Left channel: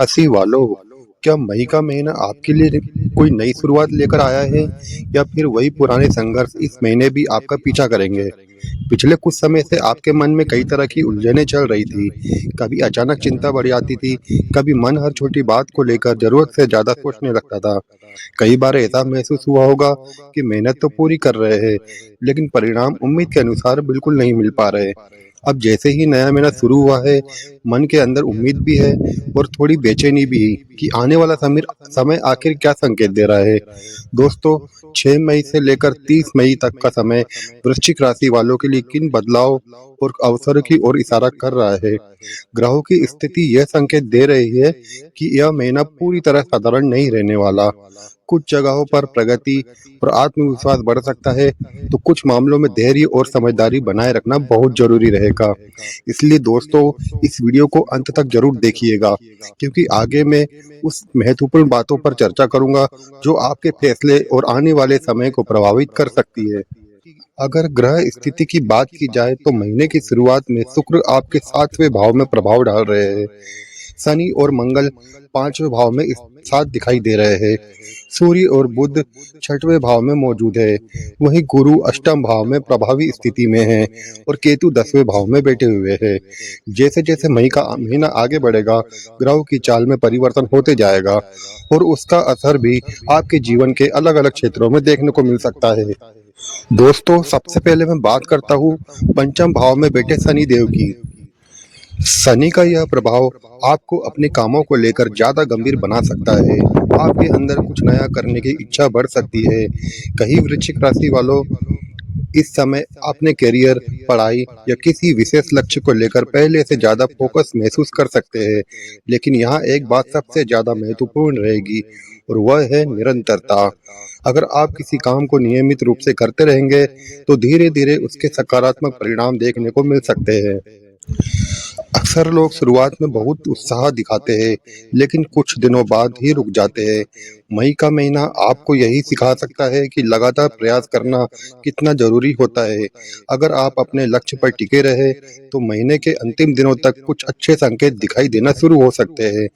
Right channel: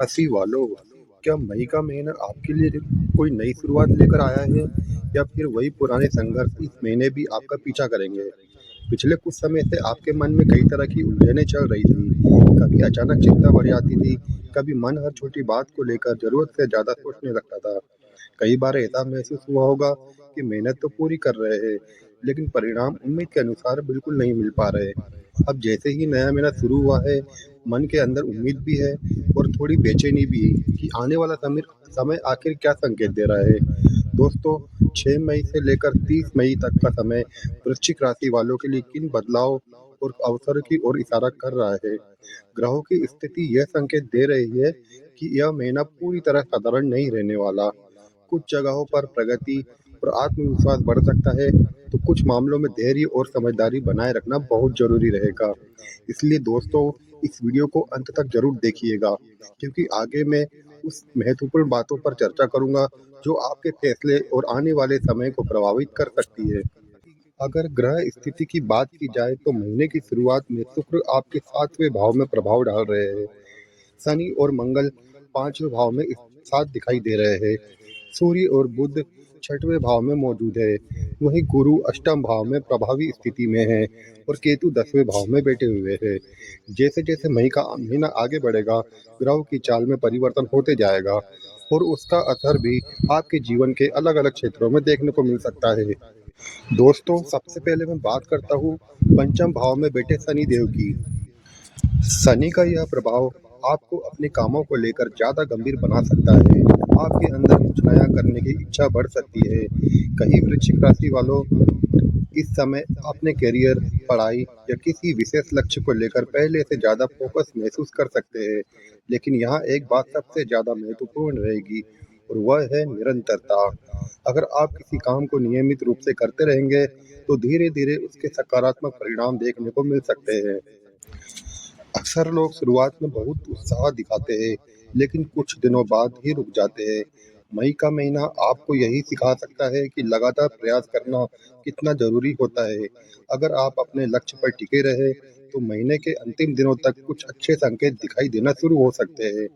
हंसी वालों, क्या मई का महीना आपके लिए कोई नई शुरुआत लेकर आया है या फिर वही पुराने संघर्ष इस महीने भी आपका पीछा करेंगे? पिछले कुछ समय से आपके मन में कई तरह की उलझनें चल रही थी। कभी अचानक चिंता बढ़ जाती थी, कभी मन हर छोटी बात को लेकर ज़रूरत से ज़्यादा सोचने लगता था। कई बार ऐसा महसूस हुआ होगा कि मेहनत तो पूरी कर रहे हैं, लेकिन परिणाम उम्मीद के अनुसार बिल्कुल नहीं मिल पा रहे। अब जैसे ही नया महीना शुरू हुआ है, मन के अंदर उम्मीद भी है और थोड़ी बेचैनी भी कि आने वाला समय आखिर क्या संकेत दे रहा है। दोस्तों, 6 मई से लेकर 30 मई तक का समय वृश्चिक राशि वालों के लिए किन बदलाव और अवसर की ओर इशारा कर रहा है? ग्रहों की स्थिति यह संकेत दे रही है कि यह महीना पूरी तरह साधारण नहीं रहने वाला। कुछ जगहों पर प्रगति और आत्मविश्वास बढ़ सकता है, तो कुछ मामलों में धैर्य और समझदारी बनाए रखना बहुत जरूरी रहेगा। इसलिए दोस्तों, इस वीडियो को अंत तक जरूर देखिएगा, क्योंकि आगे मैं उस महत्वपूर्ण बातों पर चर्चा करूंगा जो आपके फैसले और आने वाले समय को प्रभावित कर सकती है। अगर ग्रह स्थिति की बात की जाए तो महीने की शुरुआत में शुक्र आपके 7वें भाव में प्रभाव डाल रहे हैं। शनि और मंगल 5वें भाव में इस साथ दिखाई दे रहे हैं। सूर्य और बुध 6वें भाव में मौजूद है। वहीं गुरु अष्टम भाव में प्रभावी स्थिति में है और केतु 10वें भाव में बैठे हुए हैं। जैसे जैसे मई का महीना आगे बढ़ेगा, ग्रहों की चाल में परिवर्तन होते जाएगा और उसका असर भी आपके जीवन के अलग अलग क्षेत्रों में देखने को मिल सकता है। दोस्तों, सबसे पहले मैं बात करता हूँ पंचम भाव में बैठे शनि देव की। शनि का यह प्रभाव आपको अपने कामों को लेकर ज्यादा गंभीर बना सकता है। आपके अंदर कुछ नया करने की इच्छा बढ़ सकती है। कई वृश्चिक राशि वालों इस समय अपने करियर, पढ़ाई या किसी विशेष लक्ष्य को लेकर पहले से ज्यादा फोकस महसूस कर सकते हैं। लेकिन यहाँ एक बात सबसे ज्यादा महत्वपूर्ण रहेगी और वह है निरंतरता। अगर आप किसी काम को नियमित रूप से करते रहेंगे, तो धीरे धीरे उसके सकारात्मक परिणाम देखने को मिल सकते हैं। अक्सर लोग शुरुआत में बहुत उत्साह दिखाते हैं, लेकिन कुछ दिनों बाद ही रुक जाते हैं। मई का महीना आपको यही सिखा सकता है कि लगातार प्रयास करना कितना जरूरी होता है। अगर आप अपने लक्ष्य पर टिके रहे, तो महीने के अंतिम दिनों तक कुछ अच्छे संकेत दिखाई देना शुरू हो सकते हैं।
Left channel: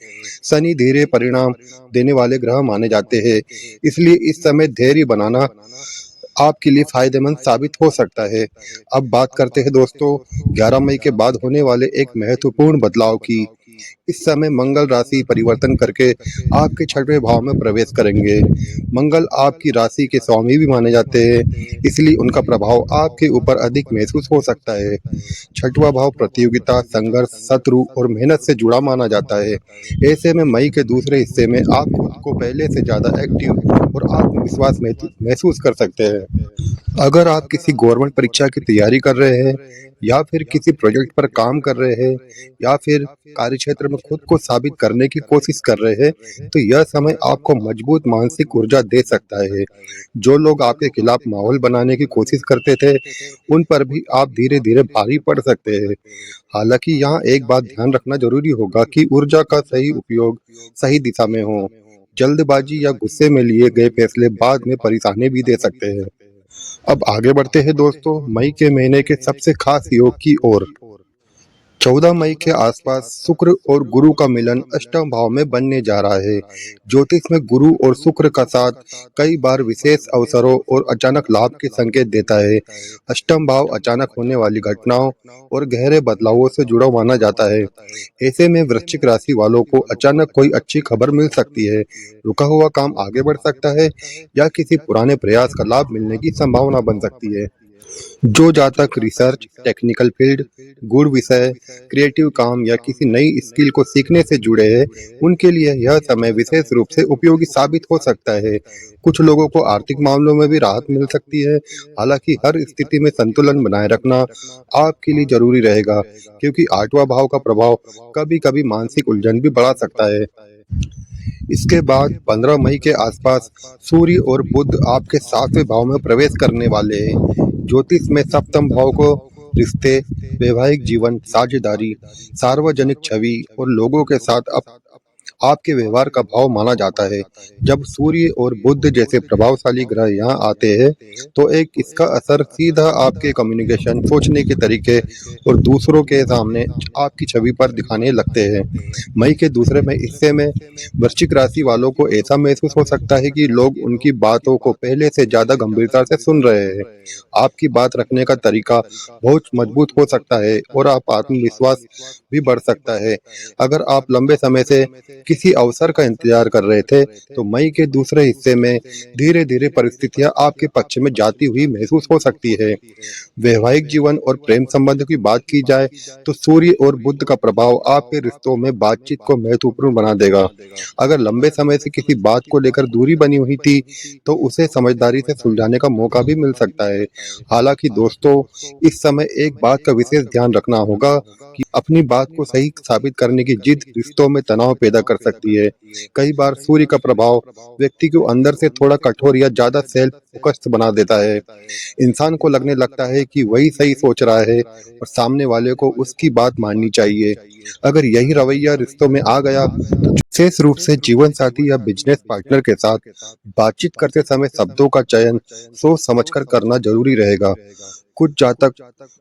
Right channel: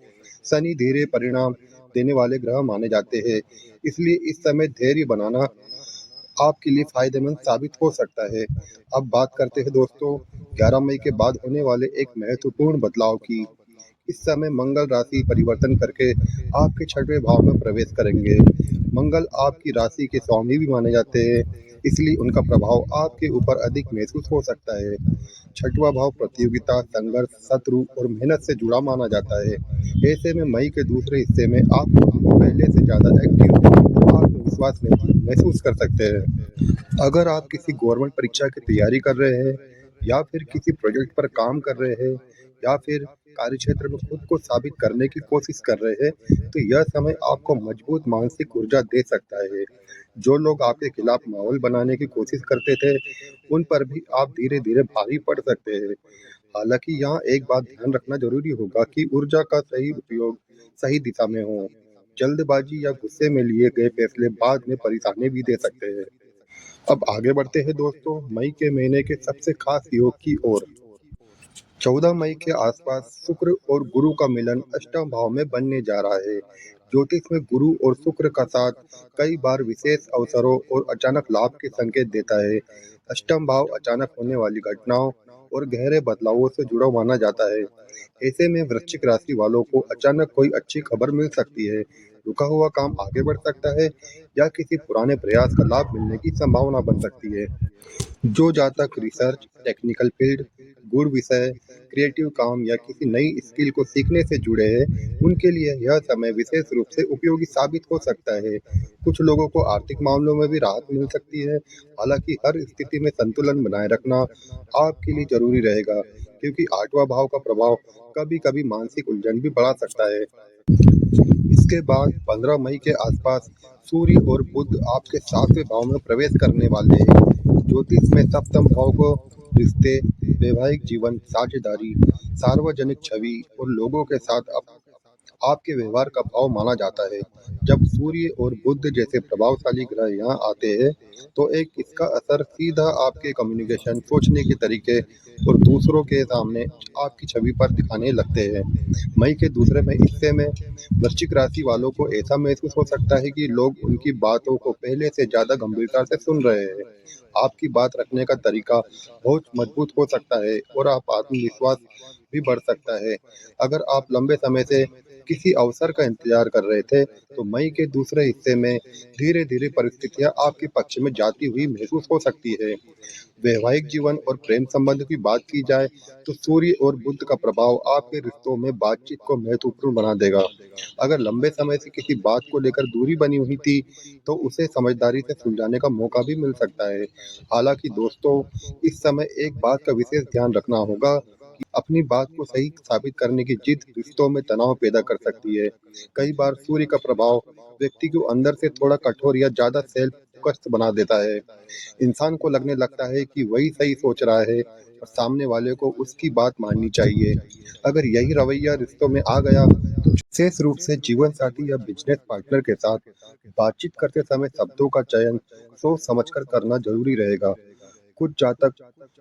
शनि धीरे परिणाम देने वाले ग्रह माने जाते हैं, इसलिए इस समय धैर्य बनाना आपके लिए फायदेमंद साबित हो सकता है। अब बात करते हैं दोस्तों 11 मई के बाद होने वाले एक महत्वपूर्ण बदलाव की। इस समय मंगल राशि परिवर्तन करके आपके 6वें भाव में प्रवेश करेंगे। मंगल आपकी राशि के स्वामी भी माने जाते हैं, इसलिए उनका प्रभाव आपके ऊपर अधिक महसूस हो सकता है। 6वां भाव प्रतियोगिता, संघर्ष, शत्रु और मेहनत से जुड़ा माना जाता है। ऐसे में मई के दूसरे हिस्से में आप खुद को पहले से ज्यादा एक्टिव और आत्मविश्वास महसूस कर सकते हैं। अगर आप किसी गवर्नमेंट परीक्षा की तैयारी कर रहे हैं या फिर किसी प्रोजेक्ट पर काम कर रहे हैं या फिर कार्यक्षेत्र में खुद को साबित करने की कोशिश कर रहे हैं, तो यह समय आपको मजबूत मानसिक ऊर्जा दे सकता है। जो लोग आपके खिलाफ माहौल बनाने की कोशिश करते थे, उन पर भी आप धीरे धीरे भारी पड़ सकते हैं। हालांकि यहाँ एक बात ध्यान रखना जरूरी होगा कि ऊर्जा का सही उपयोग सही दिशा में हो। जल्दबाजी या गुस्से में लिए गए फैसले बाद में परेशानी भी दे सकते हैं। अब आगे बढ़ते हैं दोस्तों मई के महीने के सबसे खास योग की ओर। 14 मई के आसपास शुक्र और गुरु का मिलन अष्टम भाव में बनने जा रहा है। ज्योतिष में गुरु और शुक्र का साथ कई बार विशेष अवसरों और अचानक लाभ के संकेत देता है। अष्टम भाव अचानक होने वाली घटनाओं और गहरे बदलावों से जुड़ा माना जाता है। ऐसे में वृश्चिक राशि वालों को अचानक कोई अच्छी खबर मिल सकती है, रुका हुआ काम आगे बढ़ सकता है या किसी पुराने प्रयास का लाभ मिलने की संभावना बन सकती है। जो जातक रिसर्च, टेक्निकल फील्ड, गुड़ विषय, क्रिएटिव काम या किसी नई स्किल को सीखने से जुड़े हैं, उनके लिए यह समय विशेष रूप से उपयोगी साबित हो सकता है। कुछ लोगों को आर्थिक मामलों में भी राहत मिल सकती है। हालांकि हर स्थिति में संतुलन बनाए रखना आपके लिए जरूरी रहेगा, क्योंकि 8वां भाव का प्रभाव कभी-कभी मानसिक उलझन भी बढ़ा सकता है। इसके बाद 15 मई के आसपास सूर्य और बुध आपके 7वें भाव में प्रवेश करने वाले हैं। ज्योतिष में सप्तम भाव को रिश्ते, वैवाहिक जीवन, साझेदारी, सार्वजनिक छवि और लोगों के साथ आपके व्यवहार का भाव माना जाता है। जब सूर्य और बुध जैसे प्रभावशाली ग्रह यहाँ आते हैं, तो एक इसका असर सीधा आपके कम्युनिकेशन, सोचने के तरीके और दूसरों के सामने आपकी छवि पर दिखाने लगते हैं। मई के दूसरे में हिस्से में वृश्चिक राशि वालों को ऐसा महसूस हो सकता है कि लोग उनकी बातों को पहले से ज़्यादा गंभीरता से सुन रहे हैं। आपकी बात रखने का तरीका बहुत मजबूत हो सकता है और आप आत्मविश्वास भी बढ़ सकता है। अगर आप लंबे समय से किसी अवसर का इंतजार कर रहे थे, तो मई के दूसरे हिस्से में धीरे-धीरे परिस्थितियां आपके पक्ष में जाती हुई महसूस हो सकती है। वैवाहिक जीवन और प्रेम संबंध की बात की जाए, तो सूर्य और बुध का प्रभाव आपके रिश्तों में बातचीत को महत्वपूर्ण बना देगा। अगर लंबे समय से किसी बात को लेकर दूरी बनी हुई थी, तो उसे समझदारी से सुलझाने का मौका भी मिल सकता है। हालांकि दोस्तों, इस समय एक बात का विशेष ध्यान रखना होगा कि अपनी बात को सही साबित करने की जिद रिश्तों में तनाव पैदा कर सकती है। कई बार सूर्य का प्रभाव व्यक्ति को अंदर से थोड़ा कठोर या ज्यादा सेल्फ फोकस्ड बना देता है। इंसान को लगने लगता है कि वही सही सोच रहा है और सामने वाले को उसकी बात माननी चाहिए। अगर यही रवैया रिश्तों में आ गया, तो विशेष रूप से जीवन साथी या बिजनेस पार्टनर के साथ बातचीत करते समय शब्दों का चयन सोच समझकर करना जरूरी रहेगा। कुछ जातक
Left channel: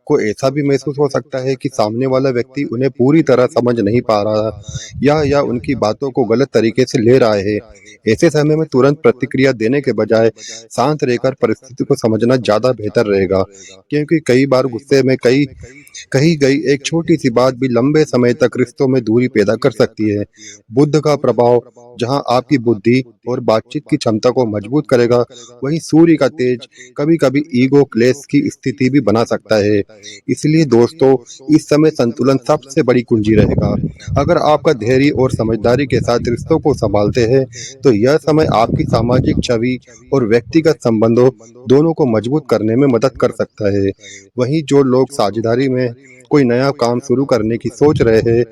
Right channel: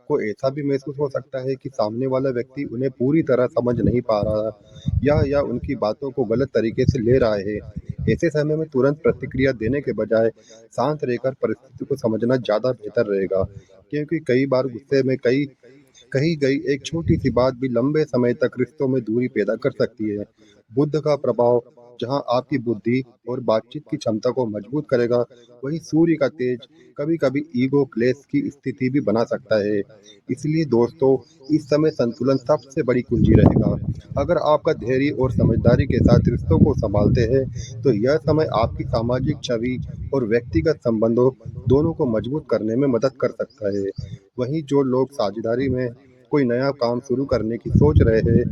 को ऐसा भी महसूस हो सकता है कि सामने वाला व्यक्ति उन्हें पूरी तरह समझ नहीं पा रहा या उनकी बातों को गलत तरीके से ले रहा है। ऐसे समय में तुरंत प्रतिक्रिया देने के बजाय शांत रहकर परिस्थिति को समझना ज़्यादा बेहतर रहेगा, क्योंकि कई बार गुस्से में कई कही गई एक छोटी सी बात भी लंबे समय तक रिश्तों में दूरी पैदा कर सकती है। बुद्ध का प्रभाव जहां आपकी बुद्धि और बातचीत की क्षमता को मजबूत करेगा, वहीं सूर्य का तेज कभी-कभी ईगो क्लेश की स्थिति भी बना सकता है। इसलिए दोस्तों, इस समय संतुलन सबसे बड़ी कुंजी रहेगा। अगर आपका धैर्य और समझदारी के साथ रिश्तों को संभालते हैं, तो यह समय आपकी सामाजिक छवि और व्यक्तिगत संबंधों दोनों को मजबूत करने में मदद कर सकता है। वहीं जो लोग साझेदारी में कोई नया काम शुरू करने की सोच रहे हैं,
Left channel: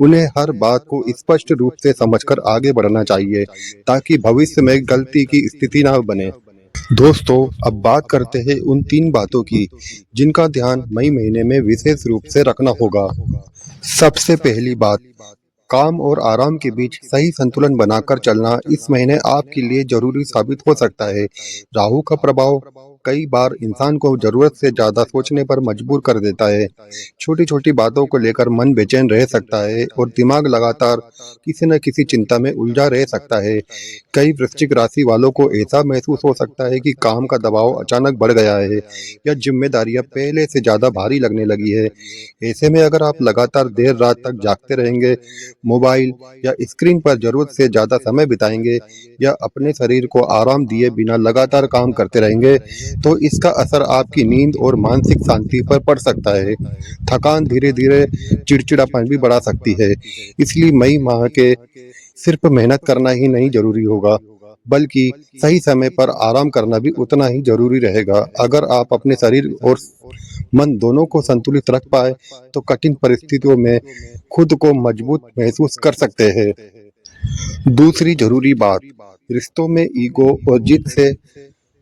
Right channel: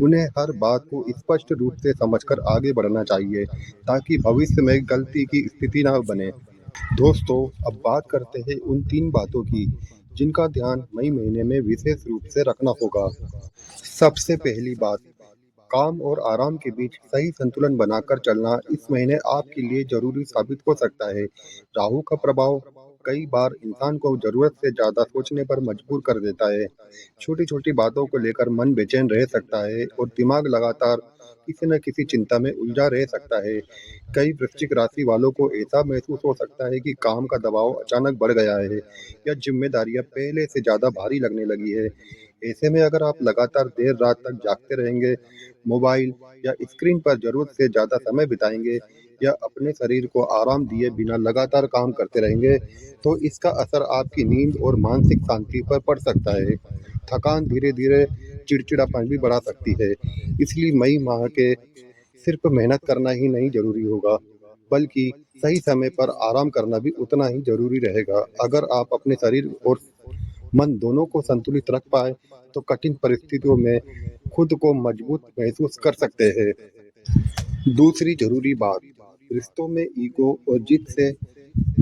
उन्हें हर बात को स्पष्ट रूप से समझकर आगे बढ़ना चाहिए, ताकि भविष्य में गलती की स्थिति ना बने। दोस्तों, अब बात करते हैं उन 3 बातों की, जिनका ध्यान मई महीने में विशेष रूप से रखना होगा। सबसे पहली बात, काम और आराम के बीच सही संतुलन बनाकर चलना इस महीने आपके लिए जरूरी साबित हो सकता है। राहु का प्रभाव कई बार इंसान को जरूरत से ज्यादा सोचने पर मजबूर कर देता है। छोटी छोटी बातों को लेकर मन बेचैन रह सकता है और दिमाग लगातार किसी न किसी चिंता में उलझा रह सकता है। कई वृश्चिक राशि वालों को ऐसा महसूस हो सकता है कि काम का दबाव अचानक बढ़ गया है या जिम्मेदारियां पहले से ज्यादा भारी लगने लगी है। ऐसे में अगर आप लगातार देर रात तक जागते रहेंगे, मोबाइल या स्क्रीन पर जरूरत से ज्यादा समय बिताएंगे या अपने शरीर को आराम दिए बिना लगातार काम करते रहेंगे, तो इसका असर आपकी नींद और मानसिक शांति पर पड़ सकता है। थकान धीरे धीरे चिड़चिड़ापन भी बढ़ा सकती है। इसलिए मई माह के सिर्फ मेहनत करना ही नहीं जरूरी होगा, बल्कि सही समय पर आराम करना भी उतना ही जरूरी रहेगा। अगर आप अपने शरीर और मन दोनों को संतुलित रख पाए, तो कठिन परिस्थितियों में खुद को मजबूत महसूस कर सकते हैं। दूसरी जरूरी बात, रिश्तों में ईगो और जिद से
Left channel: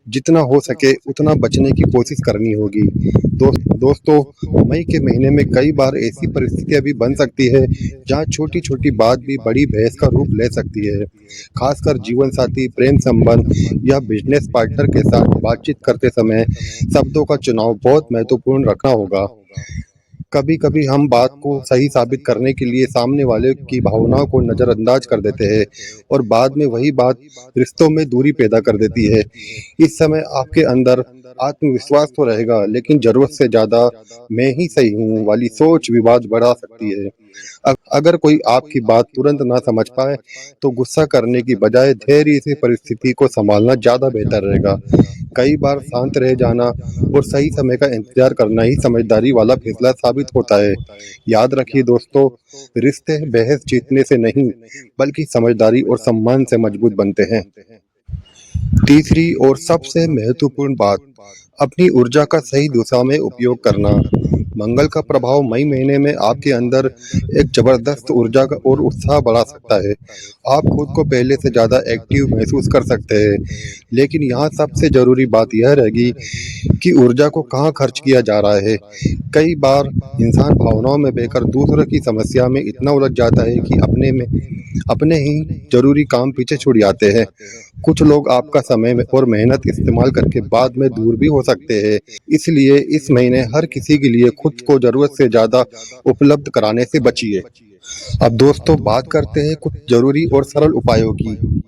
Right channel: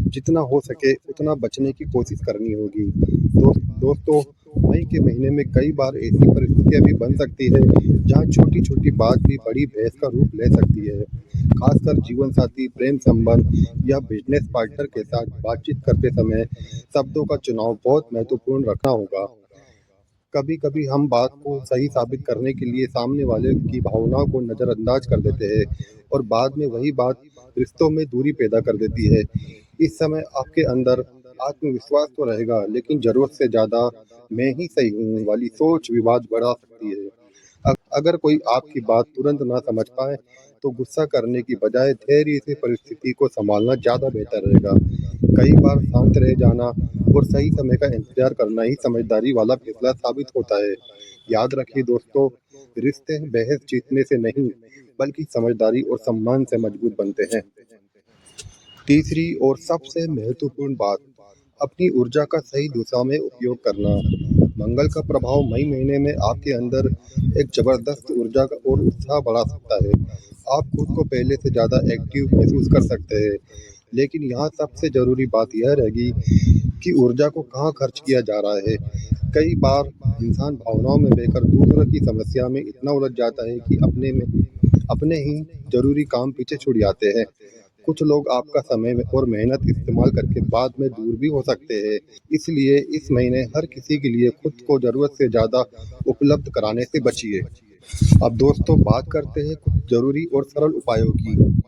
जितना हो सके उतना बचने की कोशिश करनी होगी। दोस्तों, मई के महीने में कई बार ऐसी परिस्थितियां भी बन सकती है जहां छोटी छोटी बात भी बड़ी बहस का रूप ले सकती है। खासकर जीवन साथी, प्रेम संबंध या बिजनेस पार्टनर के साथ बातचीत करते समय शब्दों का चुनाव बहुत महत्वपूर्ण रखना होगा। कभी कभी हम बात को सही साबित करने के लिए सामने वाले की भावनाओं को नजरअंदाज कर देते हैं और बाद में वही बात रिश्तों में दूरी पैदा कर देती है। इस समय आपके अंदर आत्मविश्वास तो रहेगा, लेकिन जरूरत से ज्यादा मैं ही सही हूँ वाली सोच विवाद बढ़ा सकती है। अगर कोई आपकी बात तुरंत ना समझ पाए, तो गुस्सा करने की बजाय धैर्य से परिस्थिति को संभालना ज्यादा बेहतर रहेगा। कई बार शांत रह जाना और सही समय का इंतजार करना ही समझदारी वाला फैसला साबित होता है। याद रखिए दोस्तों, रिश्ते बहस जीतने से नहीं, बल्कि समझदारी और सम्मान से मजबूत बनते हैं। तीसरी और सबसे महत्वपूर्ण बात, अपनी ऊर्जा का सही दिशा में उपयोग करना। मंगल का प्रभाव मई महीने में आपके अंदर एक जबरदस्त ऊर्जा का और उत्साह बढ़ा सकता है। आप खुद को पहले से ज़्यादा एक्टिव महसूस कर सकते हैं। लेकिन यहाँ सबसे ज़रूरी बात यह रहेगी कि ऊर्जा को कहाँ खर्च किया जा रहा है। कई बार इंसान भावनाओं में बहकर दूसरों की समस्या में इतना उलझ जाता है कि अपने ही ज़रूरी काम पीछे छूट जाते हैं। कुछ लोग आपका समय में और मेहनत इस्तेमाल करके बाद में दूर भी हो सकते हैं। इसलिए इस महीने हर किसी के लिए खुद को ज़रूरत से ज़्यादा उपलब्ध कराने से बचिए। अब दोस्तों बात करते हैं कुछ ज़रूरी और सरल उपायों की।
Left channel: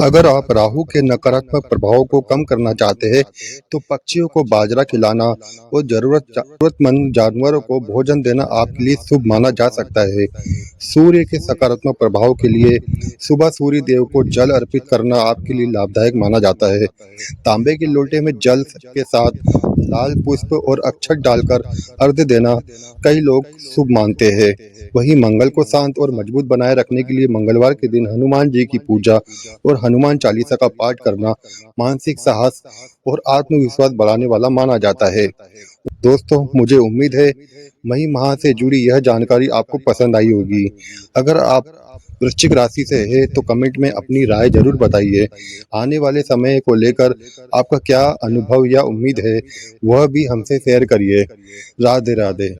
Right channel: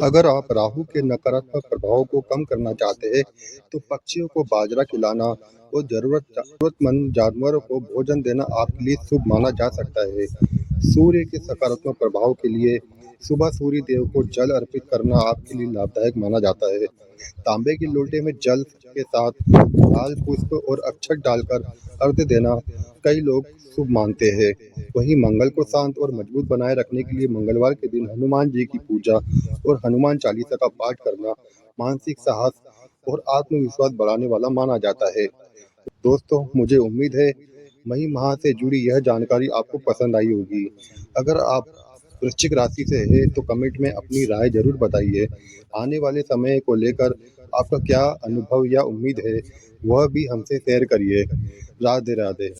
अगर आप राहु के नकारात्मक प्रभाव को कम करना चाहते हैं, तो पक्षियों को बाजरा खिलाना और ज़रूरतमंद जानवरों को भोजन देना आपके लिए शुभ माना जा सकता है। सूर्य के सकारात्मक प्रभाव के लिए सुबह सूर्य देव को जल अर्पित करना आपके लिए लाभदायक माना जाता है। तांबे के लोटे में जल के साथ लाल पुष्प और अक्षत डालकर अर्घ्य देना कई लोग शुभ मानते हैं। वहीं मंगल को शांत और मजबूत बनाए रखने के लिए मंगलवार के दिन हनुमान जी की पूजा और हनुमान चालीसा का पाठ करना मानसिक साहस और आत्मविश्वास बढ़ाने वाला माना जाता है। दोस्तों, मुझे उम्मीद है मई माह से जुड़ी यह जानकारी आपको पसंद आई होगी। अगर आप वृश्चिक राशि से है तो कमेंट में अपनी राय जरूर बताइए। आने वाले समय को लेकर आपका क्या अनुभव या उम्मीद है, वह भी हमसे शेयर करिए। राधे राधे।